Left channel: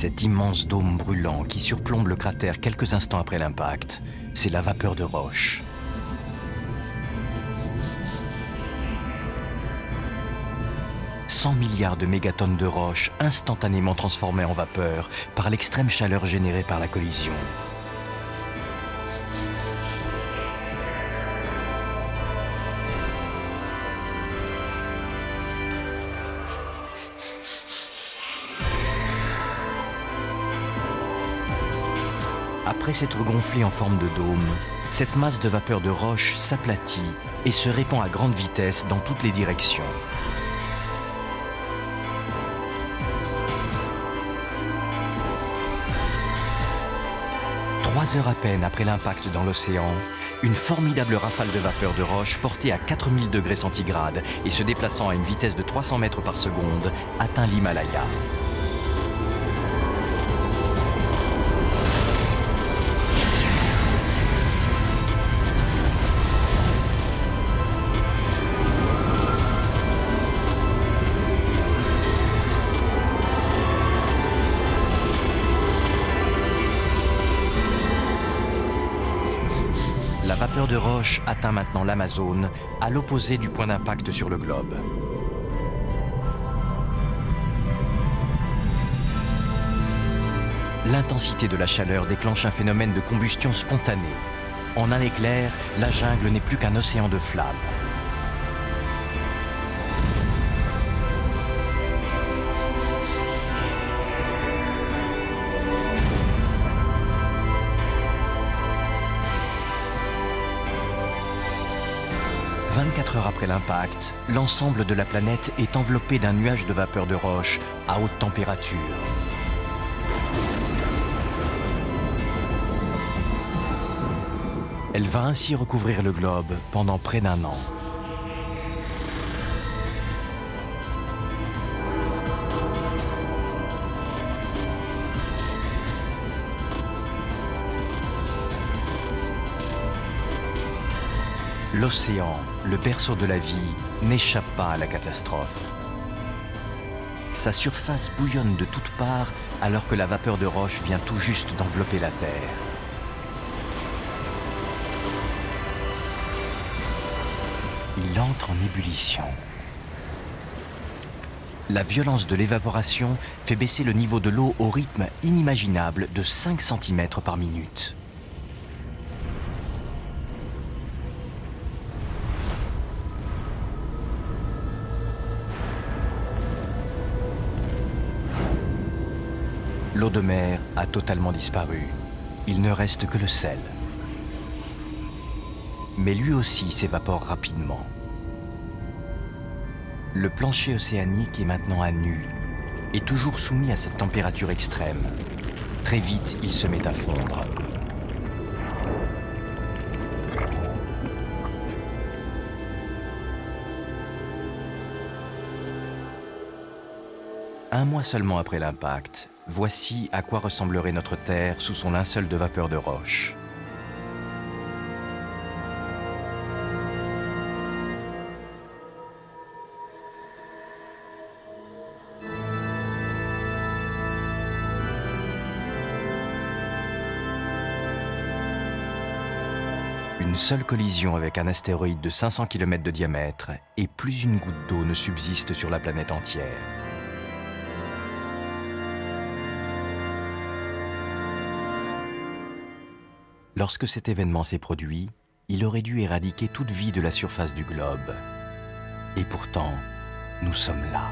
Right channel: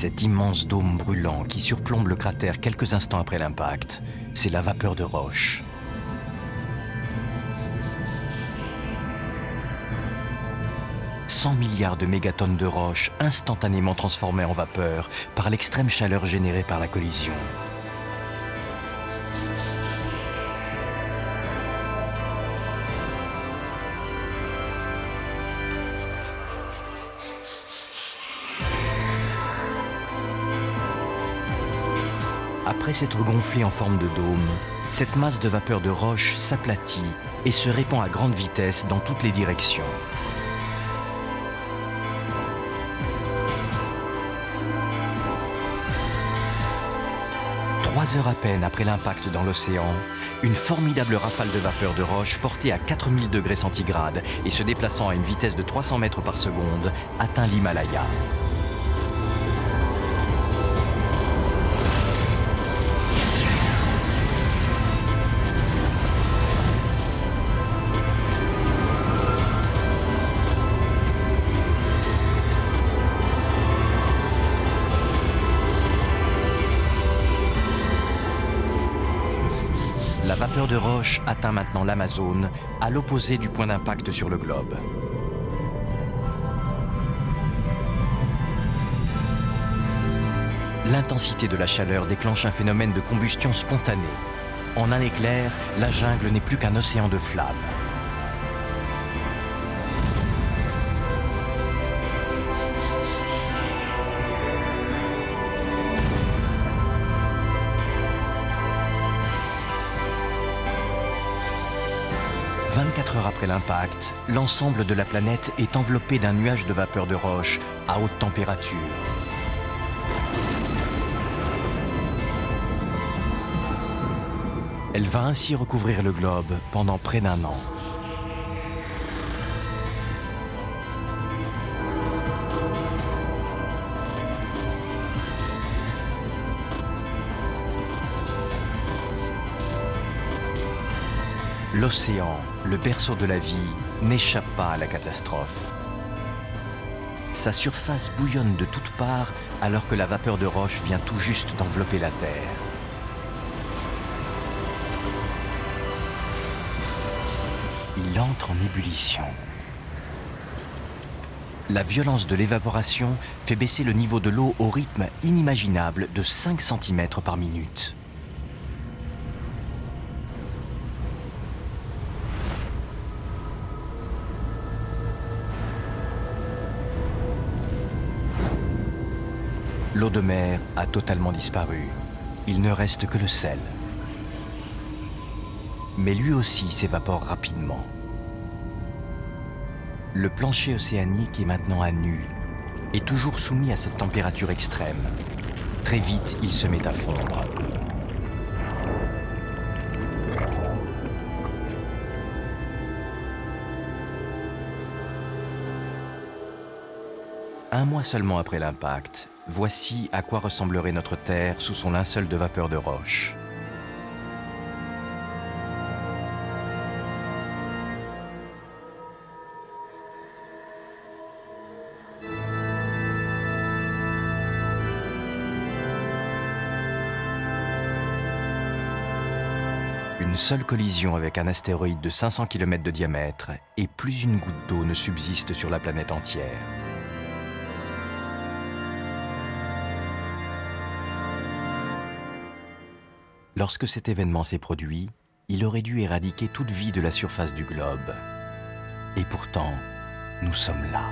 Cet immense dôme brûlant qui surplombe le cratère quelques instants après l'impact, c'est la vapeur de roche. « 100 milliards de mégatonnes de roches instantanément transformées en vapeur par l'extrême chaleur générée par la collision. Après s'être gonflée en forme de dôme, cette masse de vapeur de roche s'aplatit et se répand à grande vitesse dans toutes les directions. Trois heures à peine après l'impact dans l'océan, une formidable rafale de vapeur de roche portée à 4000 degrés centigrades et se déplaçant à une vitesse de 300 mètres par seconde atteint l'Himalaya. La vapeur de roche atteint maintenant l'Amazone, à l'opposé du point d'impact sur le globe. L'intensité de la chaleur déclenche un phénomène de combustion spontanée. En un éclair, la jungle n'est plus qu'un océan de flammes. « 24 heures après l'impact, l'ensemble de la planète est enveloppé d'un nuage de vapeur de roche à haute température. Elle va ainsi recouvrir le globe pendant près d'1 an. L'océan, le berceau de la vie, n'échappe pas à la catastrophe. Sa surface bouillonne de toutes parts alors que la vapeur de roche vient tout juste d'envelopper la Terre. Il entre en ébullition. La violence de l'évaporation fait baisser le niveau de l'eau au rythme inimaginable de 5 cm par minute. L'eau de mer a totalement disparu. Il ne reste que le sel. Mais lui aussi s'évapore rapidement. Le plancher océanique est maintenant à nu et toujours soumis à cette température extrême. Très vite, il se met à fondre. Un mois seulement après l'impact, voici à quoi ressemblerait notre Terre sous son linceul de vapeur de roche. Une seule collision avec un astéroïde de 500 km de diamètre et plus une goutte d'eau ne subsiste sur la planète entière. Lorsque cet événement s'est produit, il aurait dû éradiquer toute vie de la surface du globe. Et pourtant, nous sommes là.